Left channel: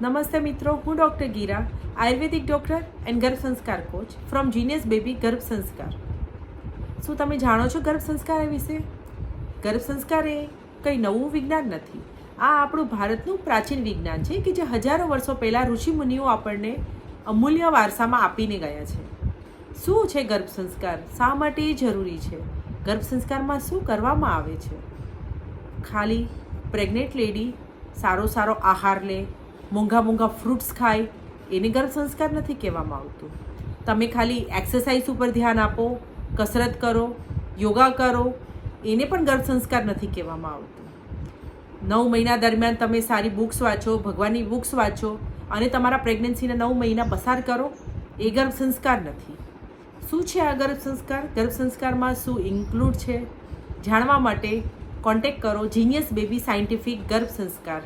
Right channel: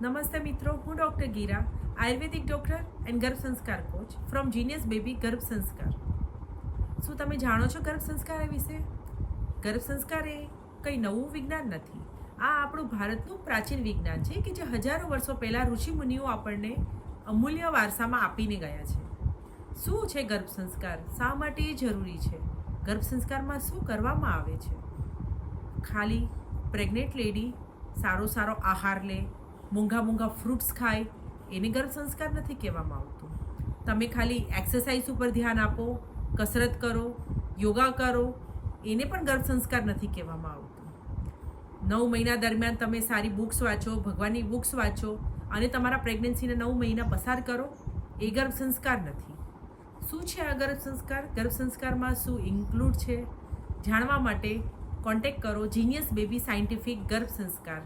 નમસ્તે મિત્રો, હું doctor Gira, Ayurvedic doctor and ગર્ભ સંસ્કાર કોચ ફ્રોમ જીનિયસ બેબી ગર્ભ સંસ્કાર. શું તમે જાણો છો ગર્ભ સંસ્કાર વિશે? ગર્ભ સંસ્કાર એ કંઈ નવું વિજ્ઞાન નથી. આ આપણું ભારતનું પ્રાચીન વિજ્ઞાન છે કે જે હજારો વર્ષો પહેલાં ઋષિમુનિઓ આપણને અમૂલ્ય વારસામાં આપીને ગયા છે. શું છે ગર્ભ સંસ્કાર? શા માટે એ જરૂરી છે? ગર્ભ સંસ્કારમાં શું કરવામાં આવે છે? ખાલી પ્રેગ્નેન્ટ લેડી સારો આહાર લે, મોંઘા ફ્રૂટ્સ ખાય, એને ગર્ભ સંસ્કાર નથી કહેવામાં આવતું. તમે ખાલી એક્સરસાઇઝ ઉપર ધ્યાન આપો, કસરત કરો, યોગા કરો, એને પણ ગર્ભ સંસ્કાર નથી કહેવામાં આવતું. 9 મહિના દરમિયાન તમે સારી બુક્સ વાંચો, ભગવાનની બુક્સ વાંચો અને તમારા પ્રેગ્નન્સીના 9 મહિના પસાર કરો, એ ગર્ભ સંસ્કાર નથી. શું છે આ ગર્ભ સંસ્કાર? ગર્ભ સંસ્કારમાં શું ઇન્ક્લુડ છે? જાણવા માટે કોન્ટેક્ટ કરો જીનિયસ બેબી સાયન્ટિફિક ગર્ભ સંસ્કાર.